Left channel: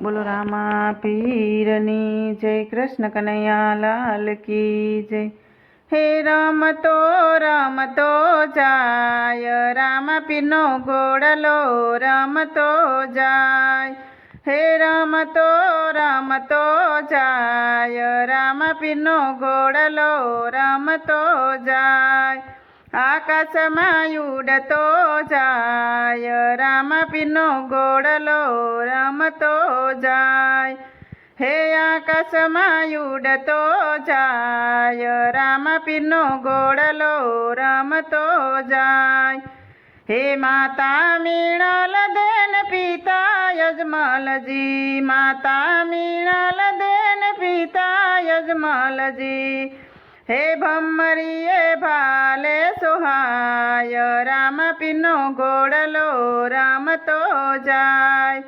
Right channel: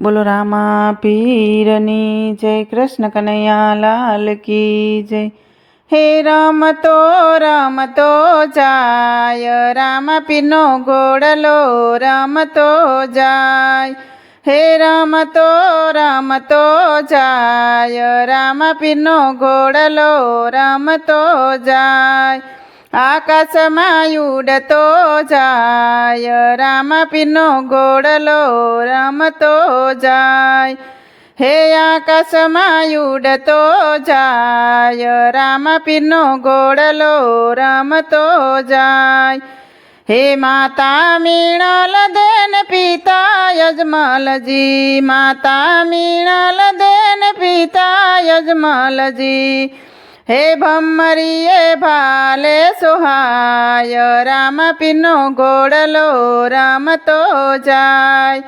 બોલો રામા પીરની જય, કૃષ્ણ કનૈયા લાલ કી જય। હે રમતો રમતો જાય, રામા પીરનો ગોળલો રમતો જાય। હે રમતો રમતો જાય, રામા પીરનો ગોળલો રમતો જાય। આકાશમાં ઉડતો જાય રામપીરનો ગોળલો રમતો જાય. હે આકાશમાં ઉડતો જાય રામપીરનો ગોળલો રમતો જાય. હે માતા મીણલ દેન પિતા યજમલજી માતા મીણલ દેન પિતા યજમલજી હે ભમરીએ ભાલે સુહાય, રામ પીનો ગોળલો રમતો જાય.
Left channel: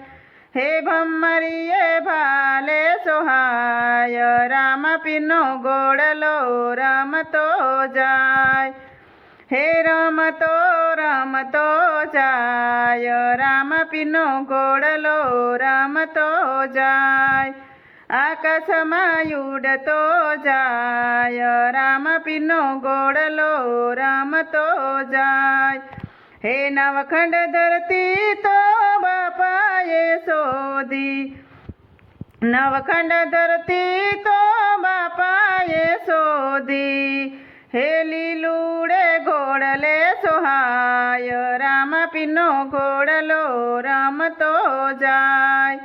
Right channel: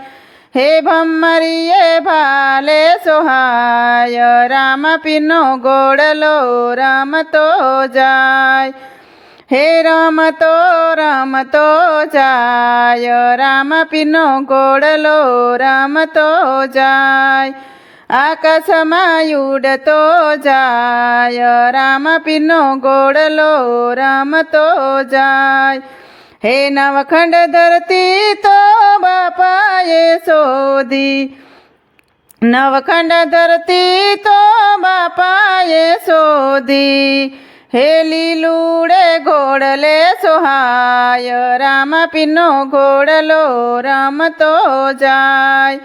હે ભમરીએ ભાલે સુહાય, રામ પીનો ગોળલો રમતો જાય. હે રમતો રમતો જાય, રામ પીનો ગોળલો રમતો જાય. આકાશમાં ઉડતો જાય, રામ પીનો ગોળલો રમતો જાય. હે નવખંડ ધરતી તો બાપાએ શોધી. નવખંડ ધરતી તો બાપાએ શોધી. હે લીલુડે ગોળલે સોહાય, રામ પીનો ગોળલો રમતો જાય.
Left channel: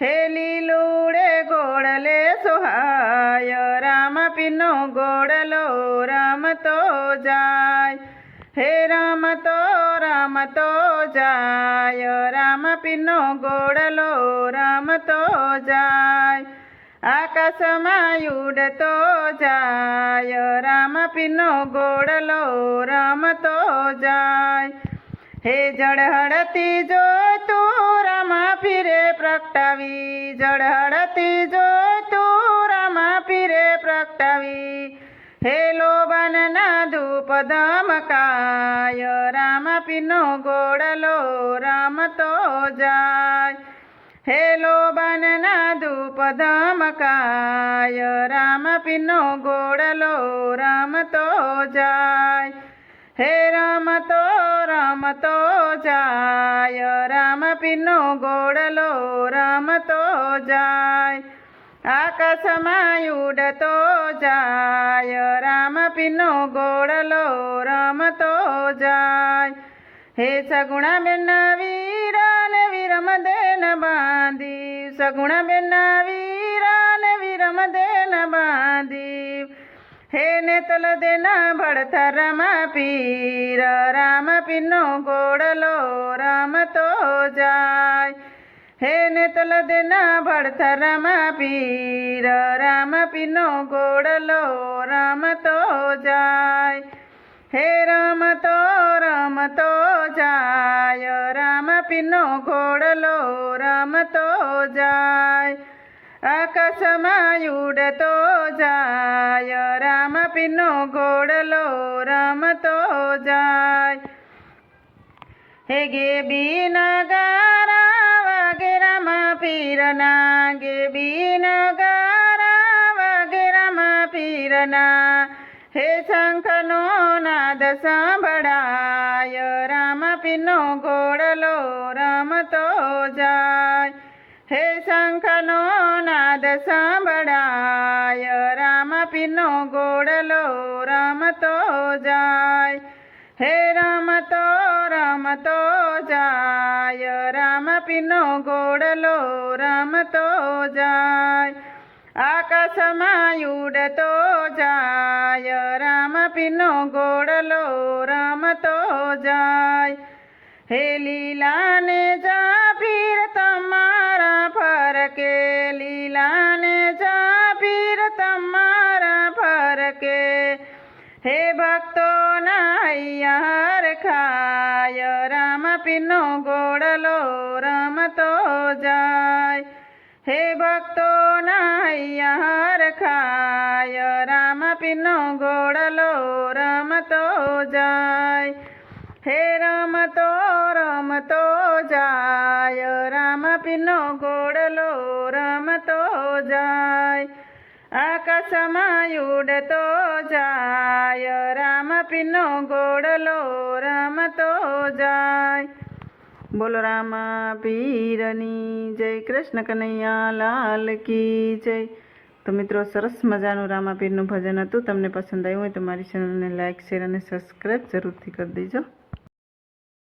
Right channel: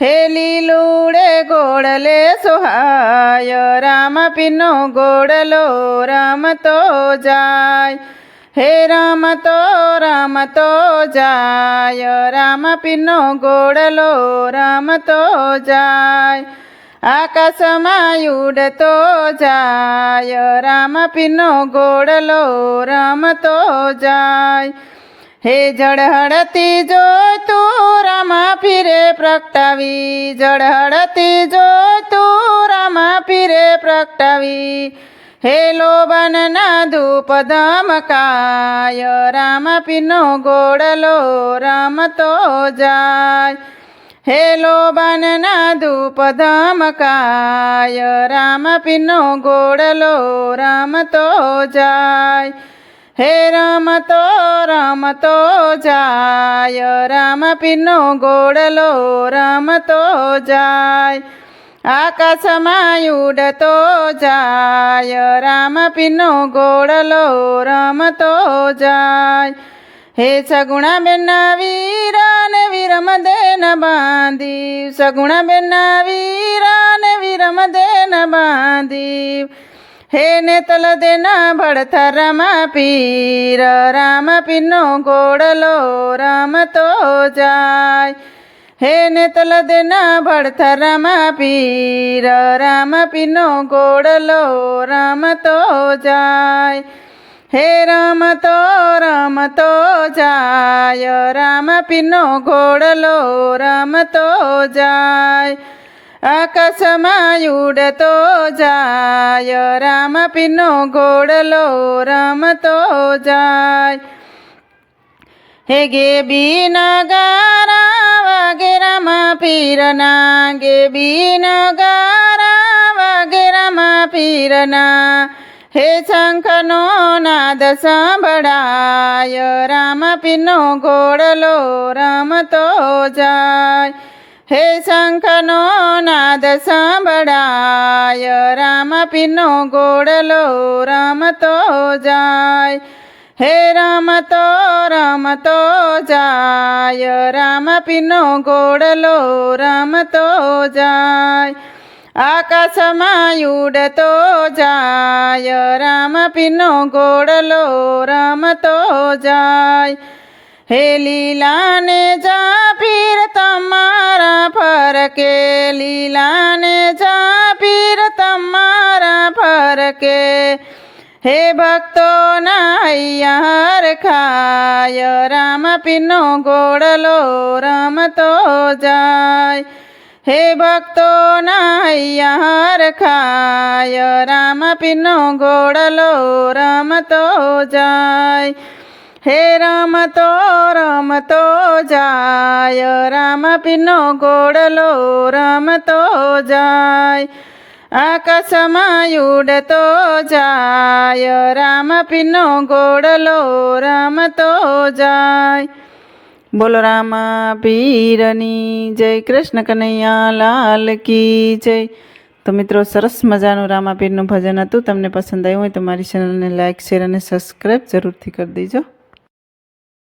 હે લીલુડે ગોળલે સોહાય, રામ પીનો ગોળલો રમતો જાય. હે રામ તો જાય, રામ પીનો ગોળલો રમતો જાય. આકાશમાં ઉડતો જાય, રામ પીનો ગોળલો રમતો જાય. હે જળહળતી તું રામા પીરે પ્રગટાવી, જળહળતી જોઈ તું રામા પીરે પ્રગટાવી. હે લોબનના ધૂપ ધમકાય રામ પીનો ગોળલો રમતો જાય. હે લોબનના ધૂપ ધમકાય રામ પીનો ગોળલો રમતો જાય. હે રમતો રમતો જાય, રામ પીનો ગોળલો રમતો જાય. આકાશમાં ઉડતો જાય, રામ પીનો ગોળલો રમતો જાય. હે સગુણા બેના વીરાને વિરમ દેન બાંધી સગુણા બેના વીરાને વિરમ બાંધી હે ને તલ દેના ભડથરમાં પીર, રામ પીનો ગોળલો રમતો જાય. હે ને તલ દેના ભડથરમાં પીર, રામ પીનો ગોળલો રમતો જાય. હે રમતો રમતો જાય, રામ પીનો ગોળલો રમતો જાય. આકાશમાં ઉડતો જાય રામ પીનો ઘોડલો રમતો જાય હે ગે બીના ગારા વાગે રામ પીરના ગે બીન ગારા વાગે રામ પીરના હે શંખનો નાદ સાંભળાય રામ પીનો ઘોડલો રમતો જાય હે સાંભળાય, રામ પીનો ગોડલો રમતો જાય. હે રમતો રમતો જાય. રામ પીનો ગોડલો રમતો જાય. આકાશમાં ઉડતો જાય. રામ પીનો ગોડલો રમતો જાય. હે લીલાને જા ફરકે, લીલાને જા પીર તમારા ફરકે. હે ભક્તો નાયર ખાય, રામ પીનો ગોળલો રમતો જાય. હે ભક્તો નાયર ખાય, રામ પીનો ગોળલો રમતો જાય. હે રમતો રમતો જાય રામ પીનો ઘોડલો રમતો જાય આકાશમાં ઉડતો જાય રામ પીનો ઘોડલો રમતો જાય બોલો રામા પીરની જય કૃષ્ણ કનૈયા લાલ કી જય તો મિત્રો સરસ મજાનું રામાપીરનું ભજન હતું. તમને પસંદ આવ્યું હોય તો મારી ચેનલને લાઇક શેર અને સબસ્ક્રાઈબ જરૂરથી કરી દેજો.